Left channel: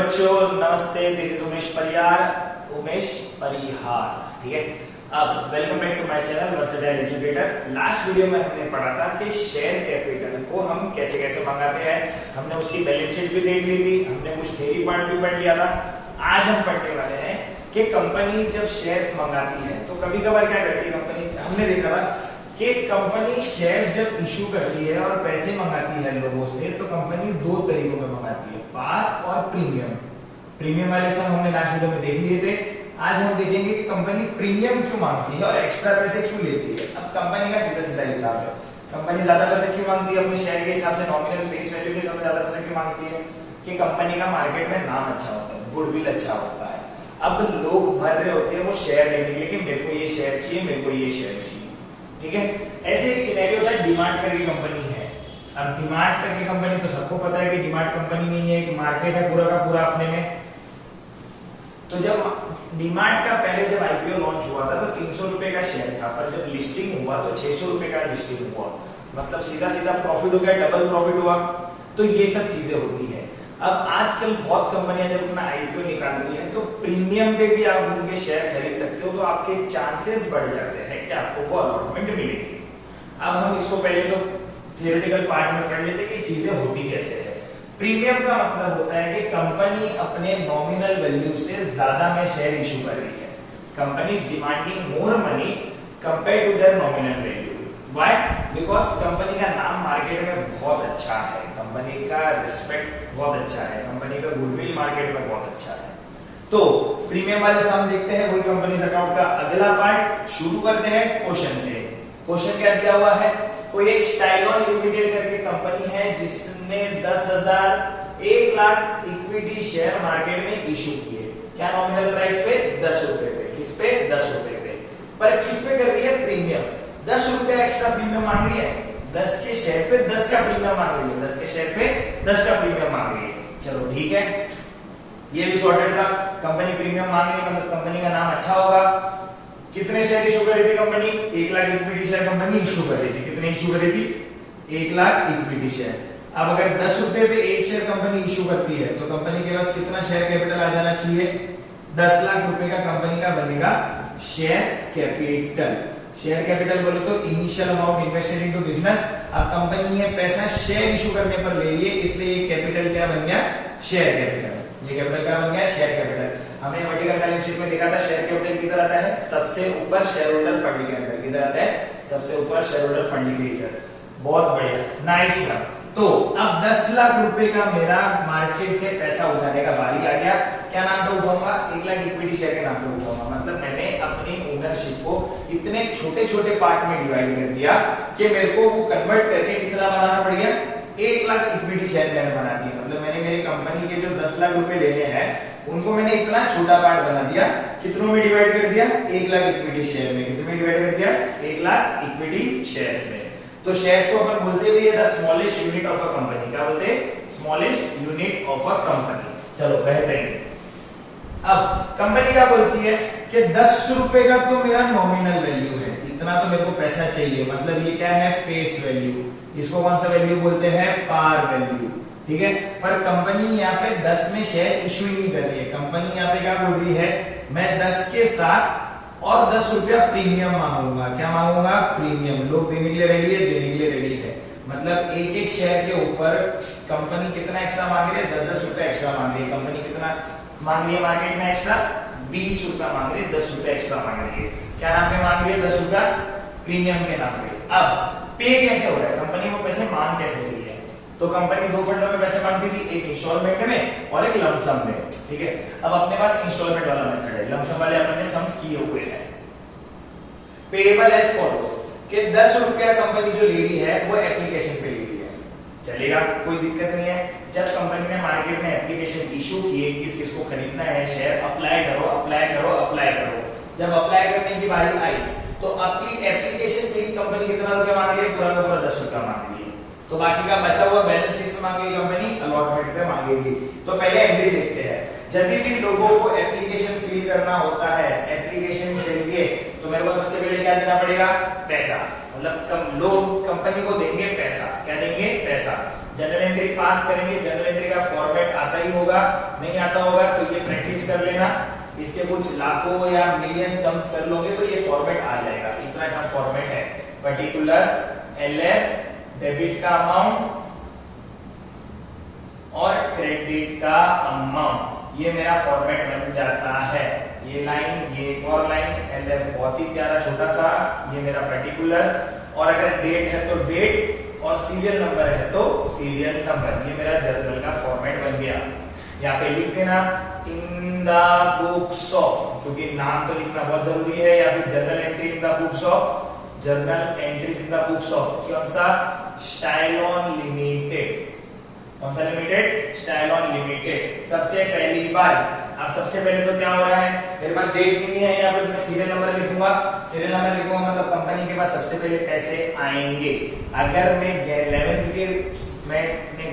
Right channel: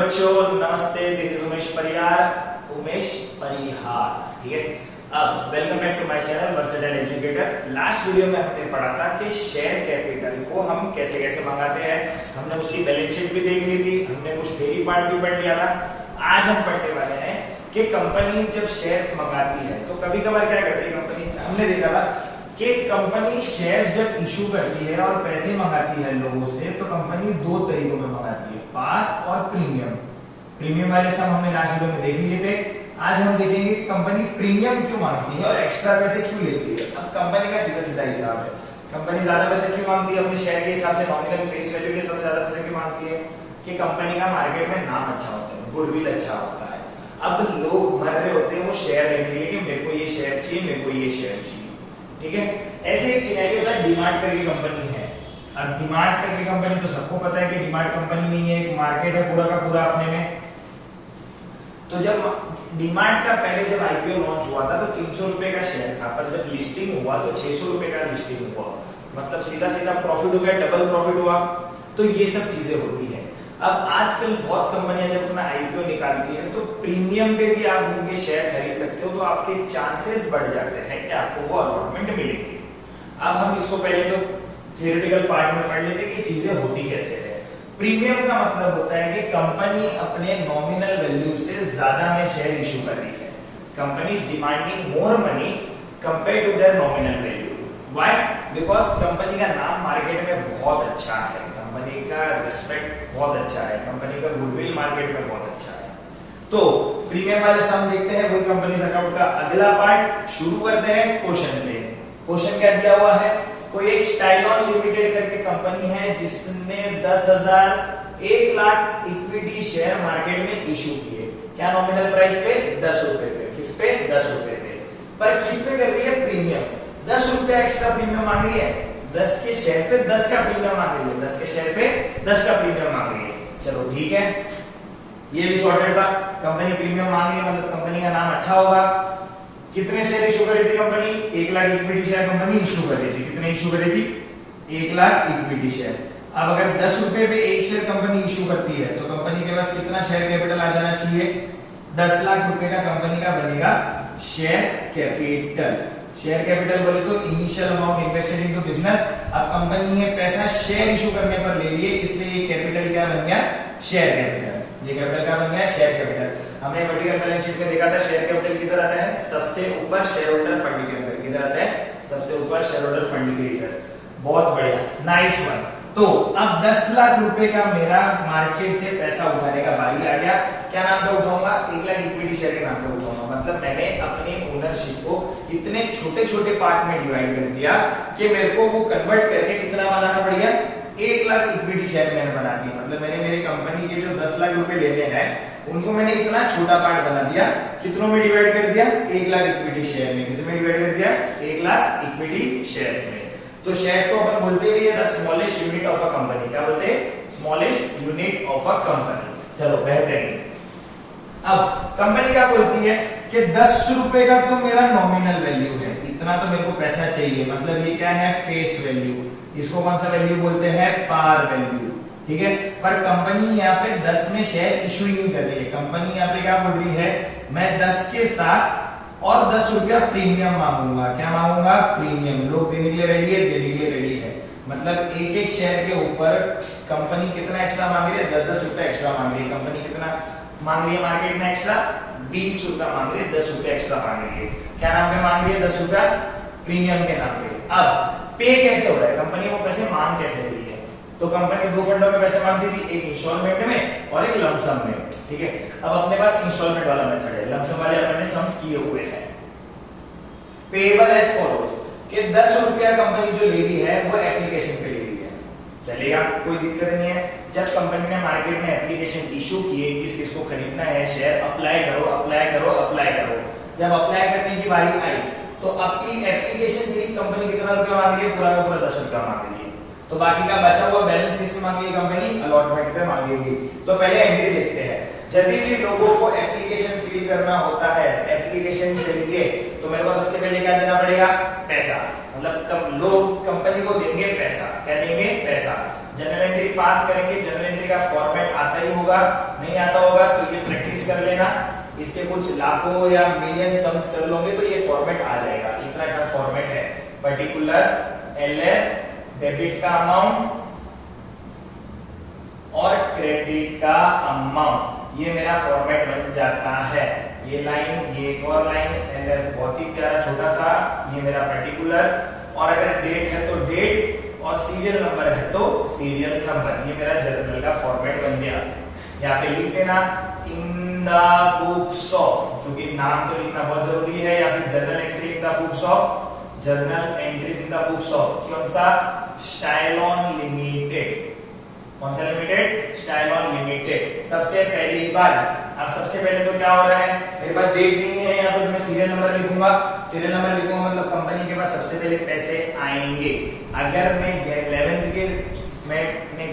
बच्चों, नमस्ते। This is Umesh परिहार, ठीक है। अब welcome back to my channel Versatile Educator. Last video में हमने पढ़ा था कि शेयर कैपिटल को हम कैसे कैसे मंगाते हैं। हमने उसकी बैलेंस शीट भी देख ली थी, हमने कुछ थ्योरी पार्ट भी पढ़ लिया था। आज हम पढ़ने वाले हैं कि कंपनी जब शेयर्स मंगाती है तो कभी कभार क्या करती है कंपनी। हमने देखा था कि कंपनी शेयर्स जब इशू करती है और पैसे मंगाती है लोगों से, तो कंपनी दो तरीकों में मंगाती है, पार और प्रीमियम। प्रीमियम वाले सब हमने लास्ट वीडियो में देख लिए थे। आज हम देखेंगे कि कंपनी प्रीमियम क्यों मांगती है और एक्स्ट्रा पैसे क्यों लेती है। अब कंपनी का सीधा सीधा हिसाब है, कंपनी ज्यादा पैसे क्यों मांगती है अपने शेयर के हिसाब से, नॉमिनल फेस वैल्यू के हिसाब से ज्यादा पैसे क्यों मांगती है कि कंपनी का मार्केट में नाम अच्छा होता है, गुडविल अच्छा होता है। अब लोग मर रहे होते हैं वो शेयर लेने के लिए कि मेरे को ये शेयर चाहिए, मेरे को ये शेयर चाहिए, ठीक है। ऐसे एक सिनेरियो था, डीमार्ट करके कंपनी है। अब डीमार्ट करके कंपनी तो सबको पता है कि डीमार्ट कंपनी में ये एक मार्केट है पूरा का पूरा अपने में। तो जब डीमार्ट का पहले जब आईपीओ लॉन्च हुआ था तो 300 रुपए का शेयर था, पर जब लिस्टिंग हुआ तो 600 रुपए का लिस्टिंग हुआ। मतलब सीधा सीधा प्रॉफिट हो गया, डबल प्रॉफिट हुआ। तो ये सब चीजें होती है। अब आजकल बहुत कंपनियां जब अपना आईपीओ निकालती है तो प्रीमियम पे भी आप उनके शेयर खरीद सकते हो, तो आपके चांसेस बढ़ जाते हैं कि आपको वो अलॉटमेंट मिलेगी। अब हम इसको पहले तो थियोरेटिकल पार्ट में पढ़ लेते कि चीजें होती कैसे है। प्रीमियम का मतलब होता है कि कंपनी अपने नॉमिनल वैल्यू से ज्यादा में शेयर इशू कर रही है। Company is demanding more money compare to their nominal value. Why? Because company का नाम मार्केट में बहुत अच्छा है, कंपनी का रिस्पेक्ट बहुत अच्छा है, कंपनी का गुडविल मार्केट में बहुत अच्छा है। तो प्रीमियम वाले सम देखते हैं, वही कंपनी अकाउंट का अगला पार्ट शुरू करते हैं क्वेश्चन से। क्वेश्चन क्या दिया हुआ है? कोई एक स्टाइलॉन लिमिटेड करके कंपनी है जिसने 1 लाख इक्विटी शेयर मार्केट में इशू किए। क्या नॉमिनल प्राइस पे? 10 रुपए पे। किस पे? 10 रुपए पे। पर किस पे कर रही है? प्रीमियम। 10 रुपया एक्स्ट्रा प्रीमियम मांग रही है। 10 के शेयर पे 10 का प्रीमियम मांग रही है। 10 के शेयर पे 10 का प्रीमियम मांग रही है। चलो ठीक है, ये भी सॉर्टेड था। कंपनी प्रीमियम मांग रही है मतलब कंपनी का नाम अच्छा होगा। कितने शेयर इशू करी थी company? 1 lakh equity share company issue करी थी। कितने इशू करी थी? 1 लाख इक्विटी शेयर। अब अगर 10 रुपए पे एक शेयर कंपनी इशू करती है तो कंपनी के पास कितना शेयर कैपिटल आ जाना चाहिए? 10 लाख रुपए का कंपनी का बनेगा शेयर कैपिटल। शेयर कैपिटल बोले तो initial amount invested into business. अब कंपनी ये पैसा शेयर इशू करने पर ले रही है, इसलिए ये कैपिटल क्या बन गया? Share capital. ये कैपिटल क्या बन गया? Share capital. हमने वर्टिकल बैलेंस शीट में देखा था शेयर कैपिटल किधर आता है? सबसे ऊपर शेयर होल्डर फंड के अंदर। किधर आता है? सबसे ऊपर शेयर होल्डर फंड के अंदर। बहुत बढ़िया, नाइस वन। तो अब 10 लाख रुपए का मेरा मार्केट से पैसा उठाने का बारी आ गया। क्या नाम पे उठाऊंगा? 1 लाख इक्विटी शेयर के नाम पे उठाऊंगा। मतलब मैंने अपनी ओनरशिप को इतने छोटे छोटे पार्ट में डिवाइड कर दिया कि मेरे को वो कन्वर्ट करके कितना बनाना पड़ गया? 1 लाख इक्विटी शेयर मैंने बना दिया। मतलब मैंने मेरी कंपनी के जो 10 लाख रुपए लेने हैं उनको मैंने इतना छोटा पार्ट बना दिया। कितनों में डिवाइड कर दिया? 1 लाख इक्विटी शेयर में। कितने में डिवाइड कर दिया? 1 लाख इक्विटी शेयर्स में। तो शेयर्स को अपन बोलते हैं the smallest unit of a company. क्या बोलते हैं? Smallest unit of a company. चलो बेहतरीन। अब कंपनी क्या बोलती है कि 10 रुपए का तो मेरा नॉमिनल वैल्यू है, इतना तो मेरे को पैसा चाहिए। मतलब ये क्या है? Face value. इसको कौन सा वैल्यू बोलते हैं? पार वैल्यू, ठीक है। पर कंपनी यहाँ पे 10 में शेयर इशू ही नहीं कर रही है। कंपनी यहाँ पे क्या बोल रही है? मैं 10 के साथ और 10 रुपया प्रीमियम मांगूंगा। क्या मांगूंगा? प्रीमियम। लोग देने के लिए रेडी है, देने के लिए रेडी है। मतलब एक एक शेयर के ऊपर कंपनी कितना एक्स्ट्रा मांग रही है? 10-10 रुपया एक्स्ट्रा मांग रही है। कंपनी कितना मांग रही है मार्केट में एक्स्ट्रा? 20 रुपया मांग रही है, 10 रुपया एक्स्ट्रा मांग रही है। क्या नाम पे मांग रही है? 10 रुपया प्रीमियम के नाम पे। अब पे कैसे हो रहा है? कंपनी वो पैसे मांग कैसे रही है? तो कंपनी दो फंडों में पैसे मांगती थी, एक इंस्टॉलमेंट में और एक लमसम में, ठीक है। अब अपने पास इंस्टॉलमेंट वाला मेथड है, लमसम वाले अपने सम्स किए हुए हैं। पेएबल एज फॉलोज कि 10 रुपया कंपनी जो ले रही है वो एप्लीकेशन पे ले रही है, चलेगा, कोई दिक्कत नहीं है। जब कंपनी ने मार्केट में एप्लीकेशन इशू किए किस किसको खरीदना है शेयर, अप्लाई करो अप्लाई करो अप्लाई करो। जब अप्लाई करने की बारी आई तो आपकी एप्लीकेशन पे कंपनी कितना रुपया मांग रही है? पूरा का पूरा 10 रुपया मांग रही है। तो बाकी का बचा हुआ बैलेंस किस में मांगेगी कंपनी? अलॉटमेंट पे मांगेगी। तो पहले एंट्री देखते हैं। जब भी लोगों को एप्लीकेशन फिल करना होता है, एप्लीकेशन चाहिए, तो मेरे को सबसे पहले क्या देना पड़ेगा? पैसा। मतलब लोग कंपनी को देंगे पैसा। क्या देंगे? पैसा। जनरल एंट्री पास करेंगे, जनरल एंट्री का फॉर्मेट आता ही होगा, नहीं आता होगा तो ये प्रैक्टिस कर लेना, इसके कुछ लाखों या मिलियन सम्स कर लोगे तो ये फॉर्मेट आ जाएगा। इतना टफ फॉर्मेट है। पर्टिकुलर एलएफ डेबिट का अमाउंट और क्रेडिट का अमाउंट, ये मेरा फॉर्मेट बन जाता है। ये लाइन, ये एक और लाइन, एलएफ बहुत ही प्यारा छोटा सा, ये मेरा पर्टिकुलर, और अगर डेट है तो डेट और सीरियल नंबर है तो सीरियल नंबर। ये मेरा जर्नल का फॉर्मेट बन गया। यहाँ पे लिख देना इन द बुक्स ऑफ, क्योंकि नाम तो लिखना बहुत जरूरी है, या फिर journal entry in the books of, journal entries in the books of कौन सा, स्टाइलॉन लिमिटेड। कौन सा लिमिटेड, स्टाइलॉन लिमिटेड। सबसे पहली बार, अब सबसे पहले तो क्या हो रहा है, मेरे पास डेट नहीं है, यहाँ पे मैं सीरियल नंबर लिखूंगा, सीरियल नंबर लिखूंगा मतलब कंपनी के पास सबसे पहले पैसे आएंगे। अगर मैं 11th के मैं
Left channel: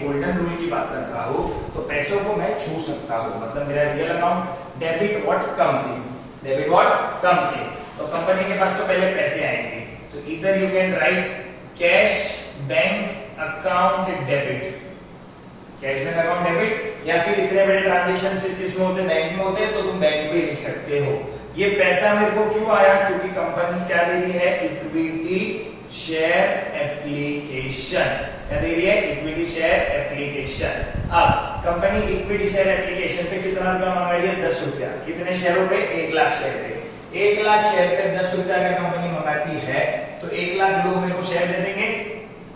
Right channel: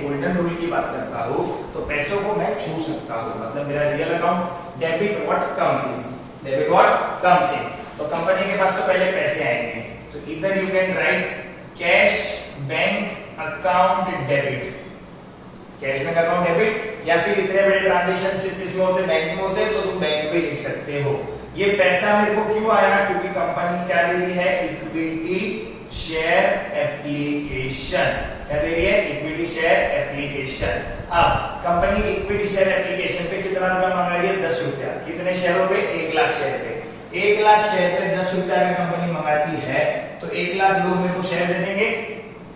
गोल्डन रूल की बात करता हूँ तो पैसों को मैं छू सकता हूँ, मतलब मेरा real account debit what comes in, debit what comes in, तो कंपनी के पास तो पहले पैसे आएंगे। तो इधर you can write cash bank account debit, cash bank account debit, या फिर इतने बड़े ट्रांजेक्शन सिर्फ इसमें होते बैंक में होते तो तुम बैंक पे लिख सकते हो। ये पैसा मेरे को क्यों आया, क्योंकि कंपनी क्या दे रही है, इक्विटी शेयर एप्लीकेशन। क्या दे रही है, इक्विटी शेयर एप्लीकेशन। अब कंपनी इक्विटी शेयर एप्लीकेशन पे कितना रुपया मंगा रही है, 10 रुपया। कितने शेयरों पे, 1 लाख शेयर पे। 1 लाख शेयर पे 10 रुपया अगर कंपनी मंगाती है तो 1 लाख लोग मेरे को शेयर दे देंगे।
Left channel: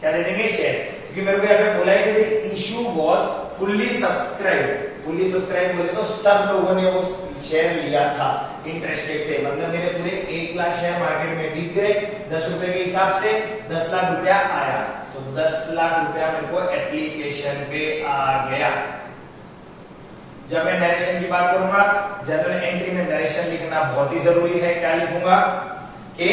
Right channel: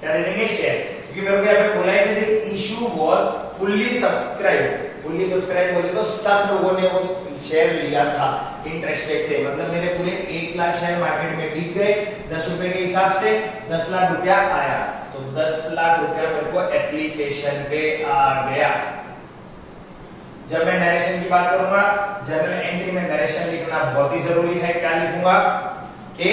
क्या दे देंगे, शेयर, क्योंकि मेरे को यहाँ पे बोला है कि issue was fully subscribe. Fully subscribe बोले तो सब लोगों ने वो शेयर लिया था इंटरेस्टेड थे, मतलब मेरे पूरे 1 लाख शेयर मार्केट में बिक गए 10 रुपए के हिसाब से, 10 लाख रुपया आया, तो 10 लाख रुपया मेरे को एप्लीकेशन पे आ गया। जब मैं नरेशन की बात करूंगा, जर्नल एंट्री में नरेशन लिखना बहुत ही जरूरी है। क्या लिखूंगा कि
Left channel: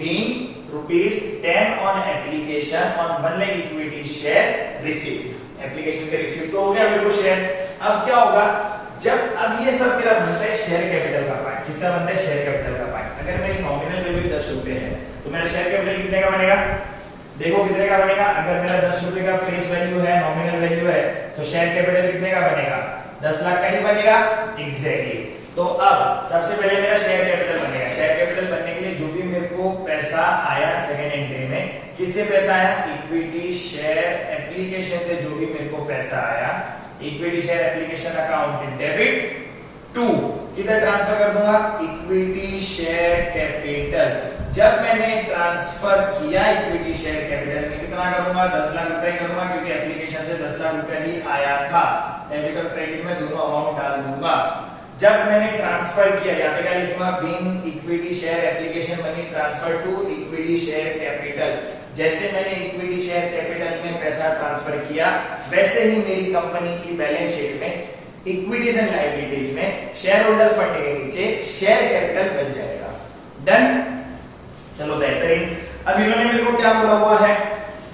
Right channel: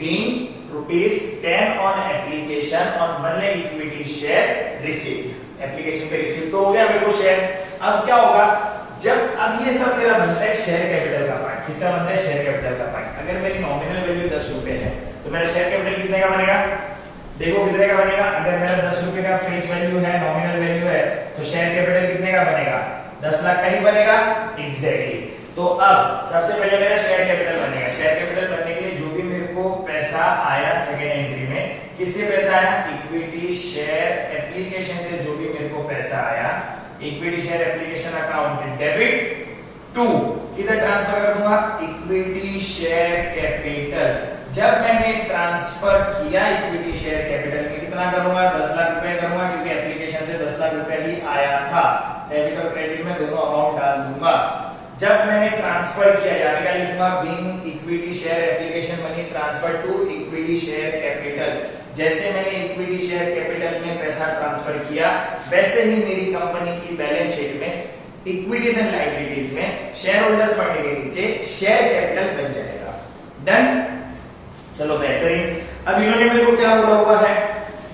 being ₹10 on application on 1 lakh equity share receive. Application पे रिसीव तो हो गया मेरे को शेयर। अब क्या होगा, जब अब ये सब मेरा बनता है शेयर कैपिटल का पार्ट। किसका बनता है, शेयर कैपिटल का पार्ट। अगर मेरी नॉमिनल वैल्यू 10 रुपए है तो मेरा शेयर कैपिटल कितने का बनेगा, देखो कितने का बनेगा। अगर मेरा 10 रुपए का फेस वैल्यू है, नॉमिनल वैल्यू है, तो शेयर कैपिटल कितने का बनेगा, 10 लाख का ही बनेगा। एग्जैक्टली। तो अब सबसे पहले मेरा शेयर कैपिटल बनेगा। शेयर कैपिटल बनने के लिए जो भी मेरे को पैसा आया सेकेंड एंट्री में, किससे पैसा आया, इक्विटी शेयर एप्लीकेशन से जो भी मेरे को पैसा आया, equity share application account debit to, किधर ट्रांसफर कर दूंगा, इक्विटी शेयर कैपिटल। जब मैंने ट्रांसफर किया इक्विटी शेयर कैपिटल में, कितना करूंगा, 10 लाख रुपए करूंगा, क्योंकि एप्लीकेशन से 10 लाख रुपए ही आया था। डेबिट और क्रेडिट में दोनों अमाउंट डाल दूंगा। जब मैंने ट्रांसफर किया, यहाँ पे क्या लिखूंगा, being equity share application money transfer to equity share capital. जैसे मैंने इक्विटी शेयर कैपिटल में पैसा ट्रांसफर किया, वैसे ही मेरी कंपनी की बैलेंस शीट में इक्विटीज एंड लायबिलिटीज में शेयर होल्डर फंड के नीचे शेयर कैपिटल बन जाएगा। डन, चलो बेहतरीन। अब इन्होंने मेरे को क्या बोला हुआ है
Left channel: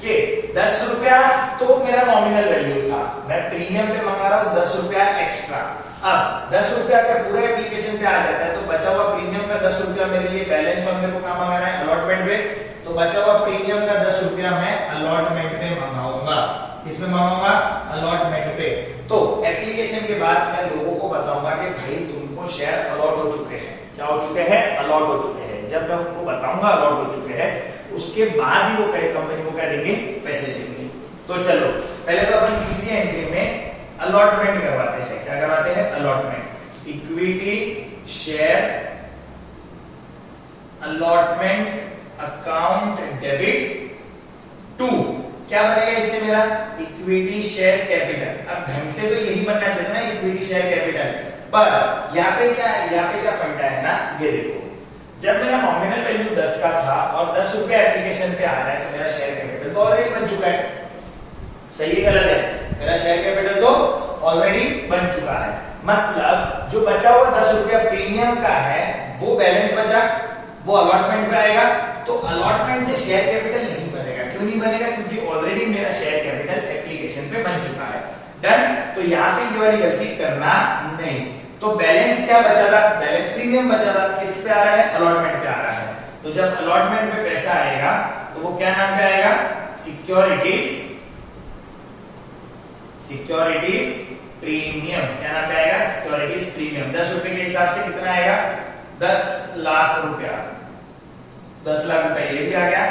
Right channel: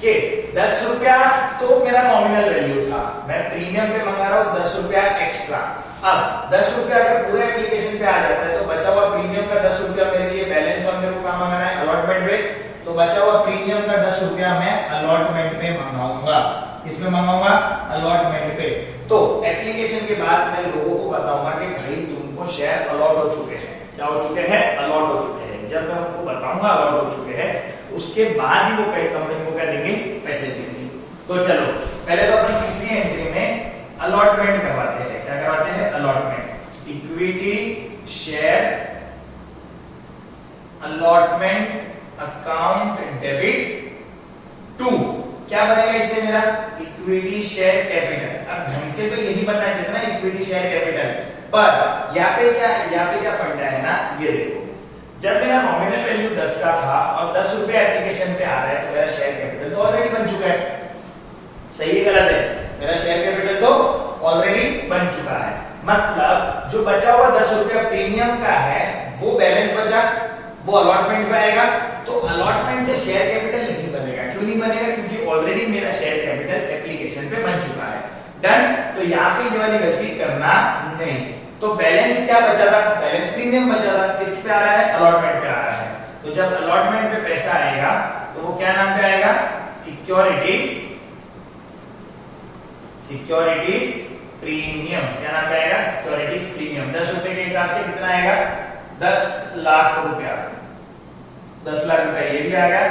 कि 10 रुपया तो मेरा नॉमिनल वैल्यू था, मैं प्रीमियम पे मंगा रहा हूं 10 रुपया एक्स्ट्रा। अब 10 रुपया अगर पूरे एप्लीकेशन पे आ जाता है तो बचा हुआ प्रीमियम का 10 रुपया मेरे लिए बैलेंस और मेरे को क्या मंगाना है, अलॉटमेंट पे। तो बचा हुआ प्रीमियम का 10 रुपया मैं अलॉटमेंट पे मंगाऊंगा। किसमें मंगाऊंगा, अलॉटमेंट पे। तो एप्लीकेशन के बाद मैं लोगों को बताऊंगा कि भाई तुमको शेयर अलॉट हो चुके हैं। क्या हो चुके हैं, अलॉट हो चुके हैं। जब मैं उनको बताऊंगा अलॉट हो चुके हैं, उसके बाद ही वो कंपनी को क्या देंगे, पैसे देंगे। तो चलो पहले तो अपन तीसरी एंट्री में अलॉटमेंट करवाते हैं। क्या करवाते हैं, allotment. Equity share allotment account debit to, क्या बनेगा इससे मेरा, इक्विटी शेयर कैपिटल। अब ढंग से तो यही बनना चाहिए ना, इक्विटी शेयर कैपिटल। पर यहाँ पे क्या फंडा है ना, ये देखो, जब मेरा नॉमिनल वैल्यू 10 का था और 10 रुपए एप्लीकेशन पे आ रहा है तो मेरा शेयर कैपिटल तो ऑलरेडी बन चुका है। सही है गलत है, मेरा शेयर कैपिटल तो ऑलरेडी बन चुका है। मतलब जो बचा हुआ 10 रुपया प्रीमियम का है वो बैलेंस बचा, वो अलॉटमेंट पे आएगा। तो अलॉटमेंट से शेयर कैपिटल नहीं बनेगा। क्यों नहीं बनेगा, क्योंकि ऑलरेडी मेरा शेयर कैपिटल एप्लीकेशन पे बन चुका है। डन। तो यहाँ पे ये वाली गलती करना नहीं। तो बैलेंस क्या बचा था, बैलेंस प्रीमियम बचा था, किस पे आ रहा है, अलॉटमेंट पे आ रहा है। तो जब अलॉटमेंट पे पैसा आएगा तो वो क्या नाम पे आएगा, सिक्योरिटीज सिक्योरिटीज प्रीमियम, क्या नाम पे आएगा, सिक्योरिटीज प्रीमियम। 10 रुपए के हिसाब से कितना आएगा, 10 लाख रुपया, 10 लाख रुपया ये भी आ गया।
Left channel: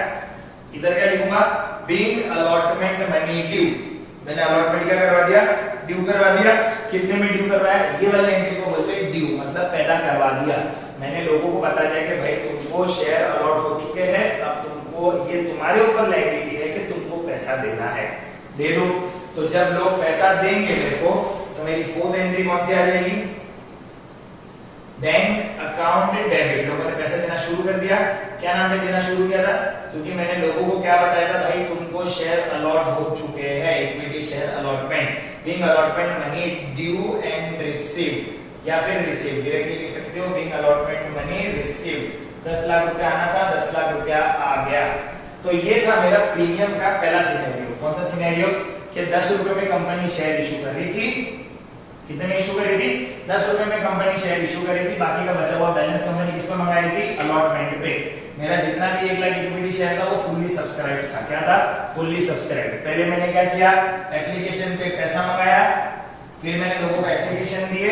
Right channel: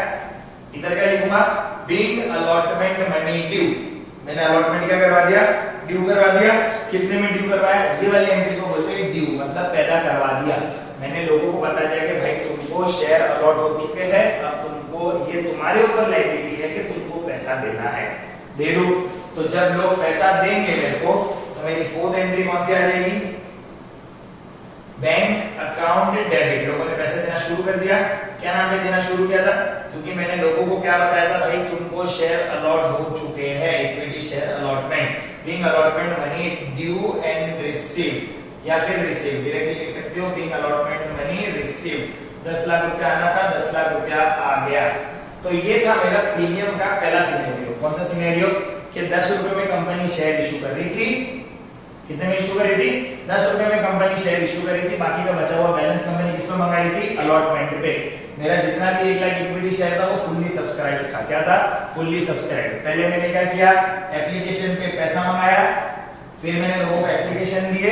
इधर क्या लिखूंगा, बीइंग अलॉटमेंट मनी ड्यू, मैंने अलॉटमेंट क्या करवा दिया, ड्यू करवा दिया। कितने में ड्यू करवाया, ये वाली एंट्री को बोलते हैं ड्यू, मतलब पैदा करवा दिया। मैंने लोगों को बता दिया कि भाई तुमको शेयर अलॉट हो चुके हैं, अब तुमको ये तुम्हारे ऊपर लायबिलिटी है कि तुमको पैसा देना है, दे दो। तो जब लोग पैसा देंगे मेरे को, तो मेरी फोर्थ एंट्री कौन सी आ जाएगी, बैंक अकाउंट डेबिट। लोगों ने पैसे देना शुरू कर दिया, क्या नाम पे देना शुरू किया था, क्योंकि मैंने लोगों को क्या बताया था, भाई तुमको शेयर अलॉट हो चुके हैं, equity share allotment, being allotment money due and receive, या फिर रिसीव डायरेक्टली लिख सकते हो, being allotment money receive. 10 lakh रुपया आना था, 10 लाख रुपया आ गया। तो ये था मेरा प्रीमियम का पहला सिनेरियो। कौन सा सिनेरियो, कि 10 रुपए में कंपनी शेयर इशू कर रही थी, कितने में इशू करी थी, 10 रुपए में कंपनी शेयर इशू करी थी, बाकी का बचा हुआ बैलेंस कंपनी किस पे मंगा रही थी, अलॉटमेंट पे। मेरा जितना भी 1 लाख इक्विटी शेयर था वो फुल्ली सब्सक्राइब था, क्या था, फुल्ली सब्सक्राइब। पहले मैंने क्या किया, एप्लीकेशन पे पैसा मंगाया, फिर मैंने लोगों को एप्लीकेशन दिए,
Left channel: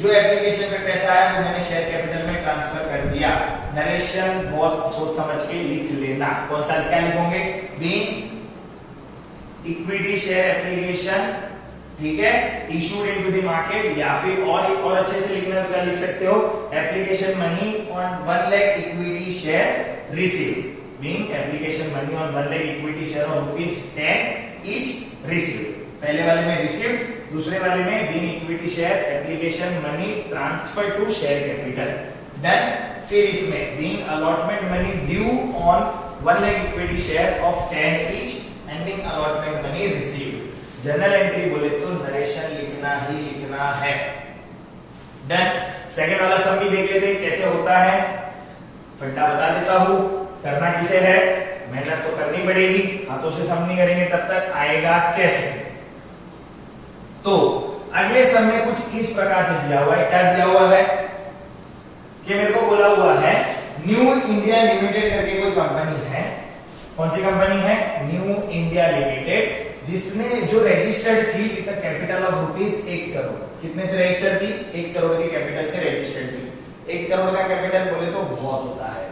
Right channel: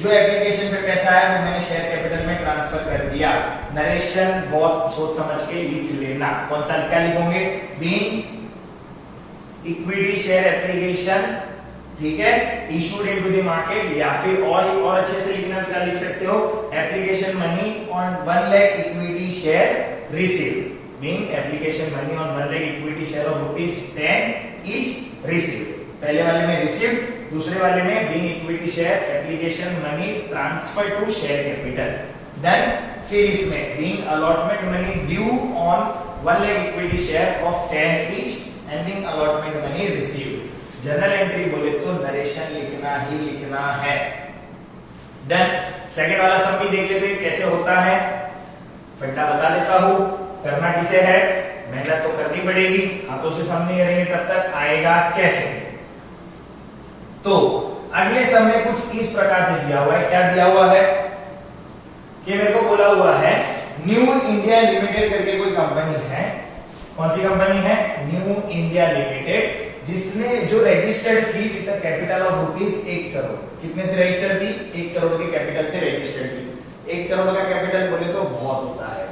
जो एप्लीकेशन पे पैसा आया वो मैंने शेयर कैपिटल में ट्रांसफर कर दिया। नरेशन बहुत सोच समझ के लिख लेना, कौन सा क्या लिखोगे, बीइंग इक्विटी शेयर एप्लीकेशन, ठीक है, इशूड इनटू द मार्केट, या फिर और अच्छे से लिखना तो क्या लिख सकते हो, application money on 1 lakh equity share receive, being application money on 1 lakh equity share of ₹10 each receive. पहले वाले में रिसीव, दूसरे वाले में being equity share application money transfer to share capital. Then फिर इसमें being allotment money due on 1 lakh equity share of 10 each and being allotment money receive. General entry बोले तो नरेशन लिखना ही लिखना है। डन। सेकंड वाला सम भी देख लेते हैं कैसे होता है, फंडा बता देता हूं। करना किसे है, मेहनत तो करनी पड़ेगी, हाथों से सम नहीं करेंगे तब तक आएगा कैसे। तो अगले सम में कुछ इस प्रकार से दिया हुआ है, क्या दिया हुआ है कि मेरे को बोला हुआ है न्यू इंडिया लिमिटेड करके कोई कंपनी है। कौन सी कंपनी है, न्यू इंडिया लिमिटेड, जिसने जो रजिस्टर्ड थी विद कैपिटल ऑफ ₹1 करोड़। कितने से रजिस्टर्ड थी, 1 करोड़ के कैपिटल से रजिस्टर्ड थी। 1 करोड़ का कैपिटल बोले तो बहुत होता है।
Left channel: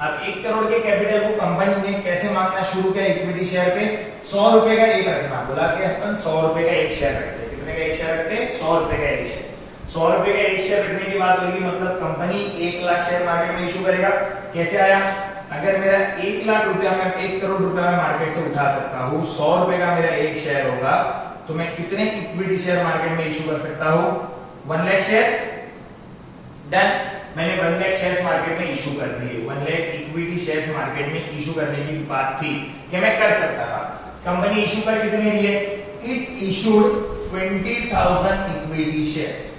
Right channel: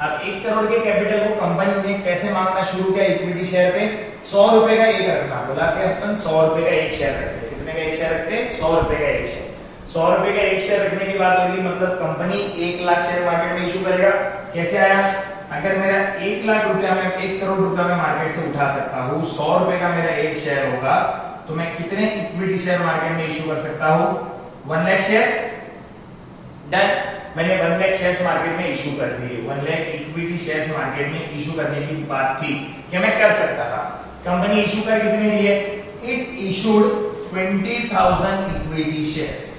अब 1 करोड़ के कैपिटल को कंपनी ने कैसे मांगना शुरू किया, इक्विटी शेयर पे 100 रुपए का एक रखना, बोला कि अपन 100 रुपए का एक शेयर रखते। कितने का एक शेयर रखते, 100 रुपए का एक शेयर। 100 रुपए का एक शेयर रखने की बात होगी, मतलब कंपनी 1 लाख शेयर मार्केट में इशू करेगा। कैसे आया, अगर मेरा 1 लाख रुपया में 1 करोड़ रुपया में मार्केट से उठा सकता हूँ, 100 रुपए का मेरा एक शेयर होगा, तो मैं कितने इक्विटी शेयर मार्केट में इशू कर सकता हूँ, 1 लाख शेयर्स। डन। मैंने 1 लाख शेयर्स मार्केट में इशू कर दिए। 1 लाख इक्विटी शेयर्स मार्केट में इशू करने की बात थी कि मैं कर सकता था। कंपनी इशू कर कितने दिए, it issued 20,000 equity shares.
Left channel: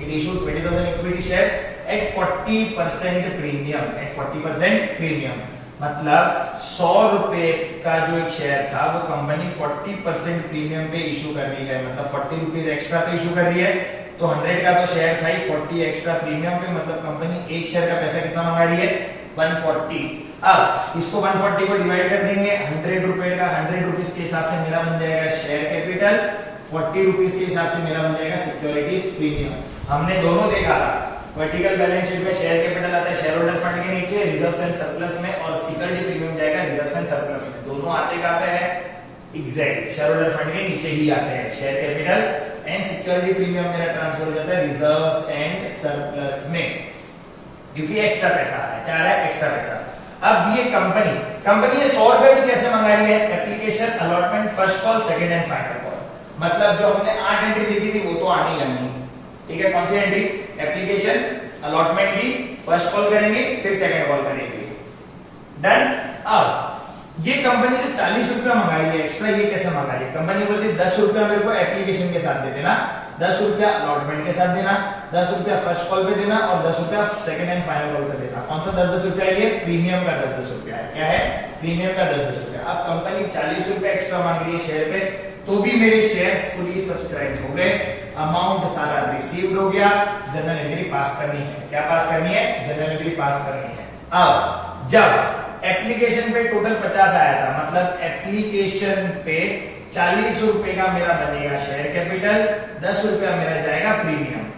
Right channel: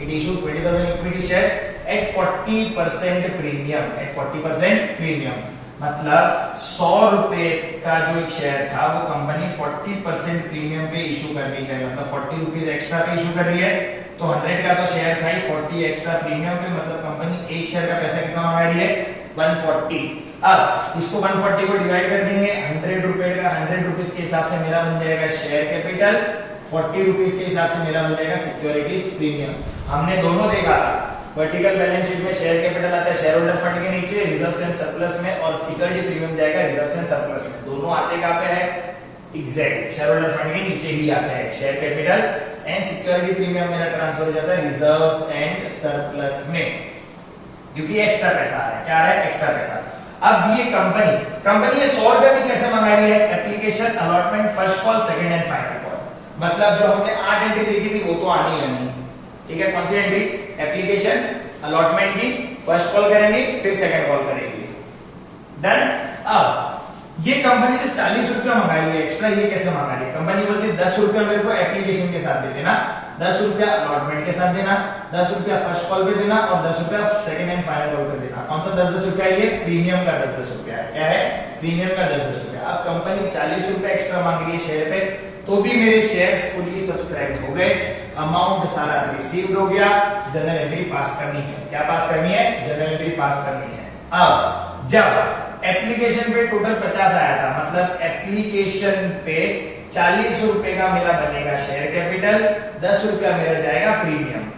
It issued 20,000 equity shares at 40% premium, at 40% premium. मतलब 100 रुपए का जो एक शेयर था वो कंपनी 40% प्रीमियम पे इशू कर रही है, मतलब 40 रुपीज एक्स्ट्रा पे इशू कर रही है। तो 100 का तो शेयर था ही, 40 एक्स्ट्रा प्रीमियम पे, मतलब कंपनी एक शेयर का पैसा कितना मंगा रही है, 140। अब इसको 140 को डिवाइड कर देंगे 100 रुपए का, 100 रुपीज के हिसाब से मेरा बन जाएगा शेयर कैपिटल, 40 रुपीज के हिसाब से मेरा बन जाएगा सिक्योरिटीज प्रीमियम। हमने दोनों देखा था, वर्टिकल बैलेंस शीट में शेयर कैपिटल आता है शेयर होल्डर फंड के नीचे, रिजर्व्स एंड सरप्लस में, और सिक्योरिटी प्रीमियम जाएगा रिजर्व्स एंड सरप्लस में। दोनों आते कहां पे है, एग्जैक्ट शेयर होल्डर फंड के नीचे ही आता है। Share capital and security premium मेरा ट्रांसफर हो जाता है रिजर्व्स एंड सरप्लस में, क्योंकि एक्स्ट्रा पैसा आ रहा है। क्या आ रहा है, एक्स्ट्रा पैसा। अब ये कंपनी ये 100 रुपए भी कैसे मंगा रही है, application allotment first call second and final call, मतलब जो हमने 8 एंट्री देखी थी वो तो आनी है नहीं। ठीक है, कौन सी एंट्री, एप्लीकेशन अलॉटमेंट की फर्स्ट कॉल करेंगे, फिर सेकंड कॉल करेंगे। डन। अब ये कंपनी जो 40 रुपया मंगा रही है एक्स्ट्रा, ये कैसे मंगा रही है, कंपनी बोलती है 10 रुपया मेरे को एप्लीकेशन के साथ दे देना, 10 रुपया अलॉटमेंट के साथ देना, 10 रुपया फर्स्ट कॉल पे देना, और 10 रुपया सेकंड एंड फाइनल कॉल पे देना। कौन सा 10-10 रुपया, ये प्रीमियम का 10-10 रुपया है। क्या है, प्रीमियम का 10-10 रुपया। अब कंपनी 40 रुपया एक्स्ट्रा मांग रही है शेयर पे, तो भी मेरे शेयर्स फुली सब्सक्राइब हो गए, अमाउंट सारा रिसीव्ड हो गया, जनरल एंट्री पास करनी है। क्या पास करनी है, जनरल एंट्री पास करनी है। अब जब एप्लीकेशन पे टोटल 50 आया था, मतलब एप्लीकेशन पे 40 रुपए का मेरा बनेगा शेयर कैपिटल, 10 रुपया मेरा जाएगा प्रीमियम।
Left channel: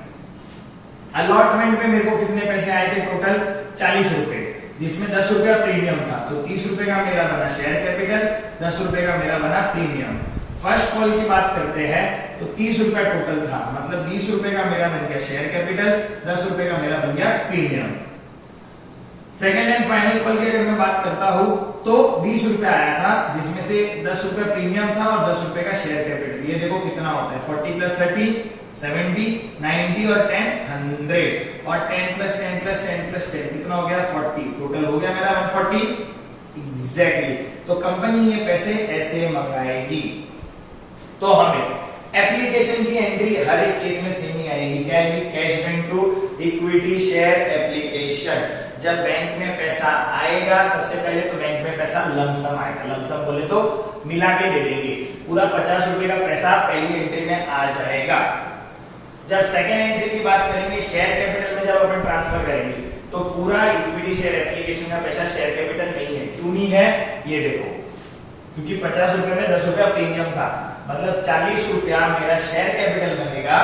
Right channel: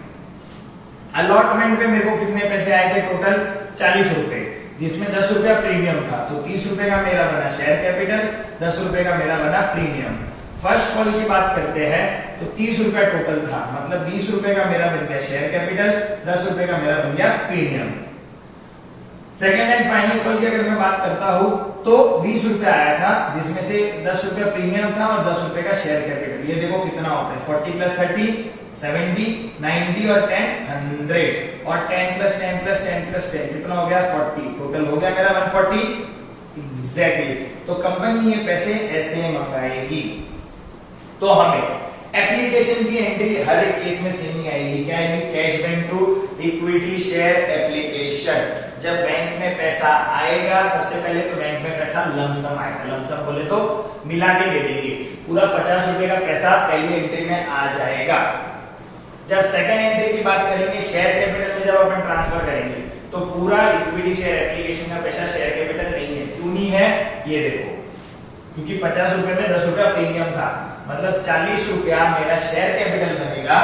अलॉटमेंट पे मेरे को कितने पैसे आए थे टोटल 40 रुपए, जिसमें 10 रुपया प्रीमियम था, तो 30 रुपए का मेरा बना शेयर कैपिटल, 10 रुपए का मेरा बना प्रीमियम। फर्स्ट कॉल की बात करते हैं तो 30 रुपया टोटल था, मतलब 20 रुपए का मेरा बन गया शेयर कैपिटल, 10 रुपए का मेरा बन गया premium. Second and final call की अगर मैं बात करता हूं तो 20 रुपया आया था, जिसमें से 10 रुपया प्रीमियम था और 10 रुपए का शेयर कैपिटल। ये देखो कितना होता है 40 प्लस 30 70 90 और 10 100 और 10 प्लस 10 प्लस 10 प्लस 10 कितना हो गया 40, टोटल हो गया मेरा 140 एग्जैक्टली। तो कंपनी ये पैसे ऐसे मंगाएगी। तो हमें एप्लीकेशन की एंट्री हर एक केस में सेम ही आएगी। क्या आएगी? Cash bank to equity share application. जब बैंक में पैसा आएगा, सबसे पहले तो बैंक में पैसा लमसम आएगा, लमसम बोले तो मिला के दे देंगे, पूरा 50 रुपए का पैसा पहली एंट्री में आ जाएगा। जब सेकंड एंट्री की बात करेंगे, शेयर कैपिटल में जब अपन ट्रांसफर करेंगे तो पूरा इक्विटी शेयर एप्लीकेशन का पैसा शेयर कैपिटल नहीं है। क्यों नहीं है? ये देखो, क्योंकि 50 रुपए में 10 रुपया प्रीमियम था, मतलब 40 रुपया मेरा शेयर कैपिटल बनेगा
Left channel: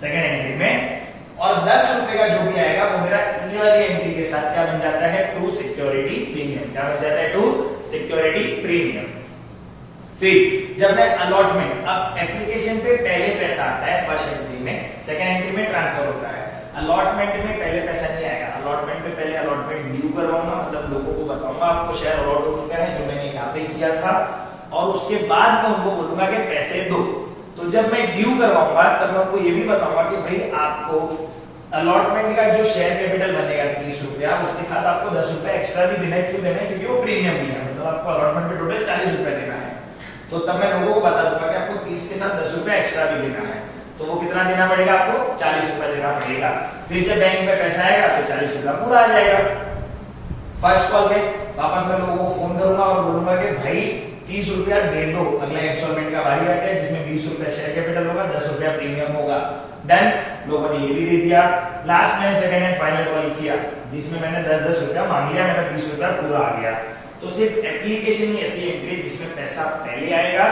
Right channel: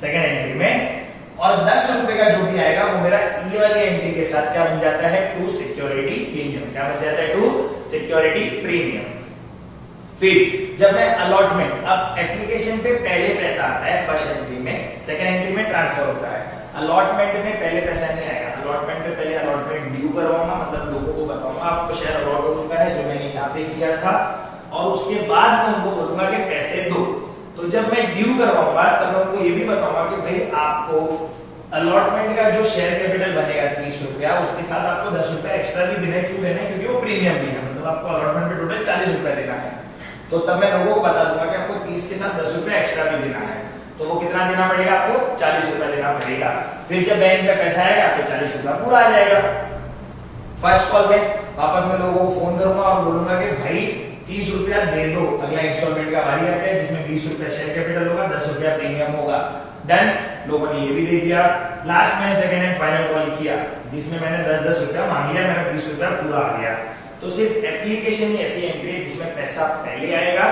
सेकंड एंट्री में, और 10 रुपए का जो भी आएगा वो मेरा ई वाली एंट्री के साथ क्या बन जाता है? To security premium. क्या बन जाता है? To security premium. फिर जब मैं अलॉटमेंट, अब एप्लीकेशन पे पहले पैसा आता है फर्स्ट एंट्री में, सेकंड एंट्री में ट्रांसफर होता है। अलॉटमेंट में पहले पैसा नहीं आएगा, अलॉटमेंट में पहले अलॉटमेंट ड्यू करवाऊंगा, मतलब लोगों को बताऊंगा आपको शेयर अलॉट हो चुका है जो मैंने यहाँ पे किया था, और उसके बाद मैं उनको बोलूंगा कि पैसे दो। तो जब मैं ड्यू करवाऊंगा तब मैं उनको ये भी बताऊंगा कि भाई आपको अलॉटमेंट का जो शेयर कैपिटल बनेगा 30 रुपया, उसके साथ आपको 10 रुपया एक्स्ट्रा भी देना है। क्यों देना है? क्योंकि वो प्रीमियम भी है, मतलब आपको अलॉटमेंट पे टोटल 40 रुपया देना है। तो तब मैं लोगों को बता दूंगा कि आपको 30 के साथ 10 रुपया एक्स्ट्रा भी देना है, तो वो कितना देना पड़ेगा? आपको 40 रुपया देना पड़ेगा। फिर जब बैंक में पैसा आएगा तो 40 रुपया पूरा आ जाएगा। फर्स्ट कॉल पे वापस मैं लोगों को फोन करूंगा और बोलूंगा कि भाई 30 रुपया दे दो, अगला इंस्टॉलमेंट का बारी आता है जिसमें 20 रुपया शेयर कैपिटल होगा, 10 रुपया प्रीमियम होगा। डन, लोगों ने ये भी दे दिया। लास्ट में सेकंड एंड फाइनल कॉल किया जिसमें मैंने 10-10 रुपया मांग लिया, मेरा 20 रुपया पूरा आ गया। तो सिर्फ एप्लीकेशन ही ऐसी एंट्री जिसमें पैसा पहले आएगा,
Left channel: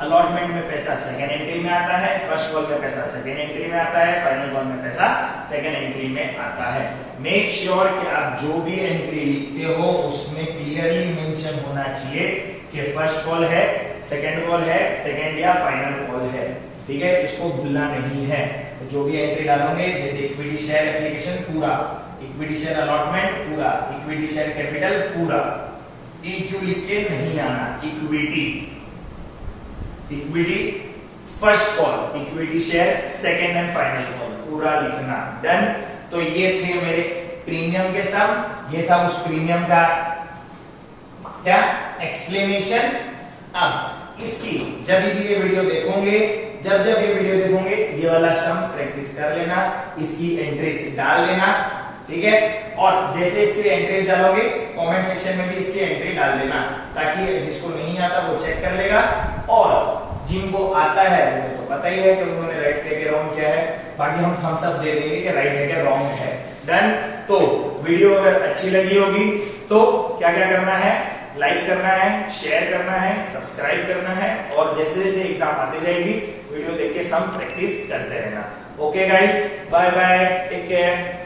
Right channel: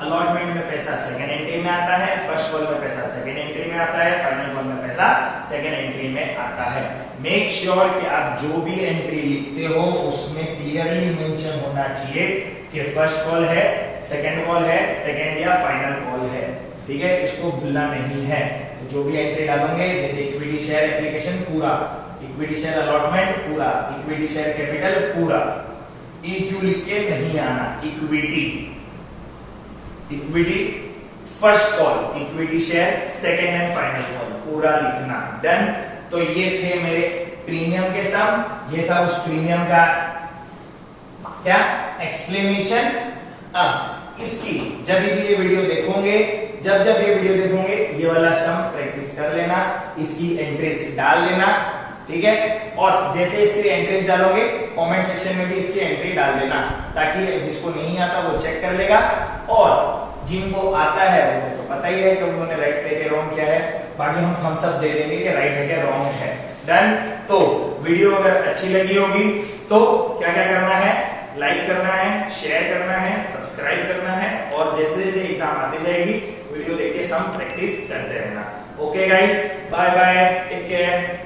अलॉटमेंट में पैसा सेकंड एंट्री में आता है, फर्स्ट कॉल में पैसा सेकंड एंट्री में आता है, फाइनल कॉल में पैसा सेकंड एंट्री में आता है। मेक श्योर कि आप जो भी एंट्री लिखते हो उसमें क्लियरली मेंशन होना चाहिए कि फर्स्ट कॉल है, सेकंड कॉल है, सेकंड या फाइनल कॉल है। ठीक है, इसको भूलना नहीं है। तो जो भी एंट्री डालोगे, जैसे इक्विटी शेयर एप्लीकेशन पूरा, इक्विटी शेयर अलॉटमेंट पूरा, इक्विटी शेयर कैपिटल पूरा, EQ लिख के नहीं आना, equity, equity first call, equity share second and final call पूरा लिखना। डन। तो ये थे मेरे प्रीमियम के सम, ये था उस प्रीमियम का क्या एक्सप्लेनेशन। अब इसकी जब भी ये वीडियो देखोगे, जब ये वीडियो देखोगे, ये वाला सम प्रैक्टिस कर लेना, इसकी एंट्रीज डाल लेना। ठीक है, और जैसे इसकी एंट्रीज डालोगे कमेंट सेक्शन में भी इसकी एंट्री डाल देना, ताकि जिसको नहीं आता वो चेक कर लेगा, और जिनको आता है उन्हें तो पता ही है कि उन्होंने राइट किया कि रॉन्ग क्या है, बाकी हम थम्स अप दे देंगे कि राइट है कि रॉन्ग है। डन। तो वीडियो अगर अच्छी लगी होगी तो क्या क्या करना है? लाइक करना है, शेयर करना है, सब्सक्राइब करना है, और जैसे जैसे एग्जाम आती जाएगी वीडियो देख के सम प्रैक्टिस करते रहना। Okay guys, bye bye, take care.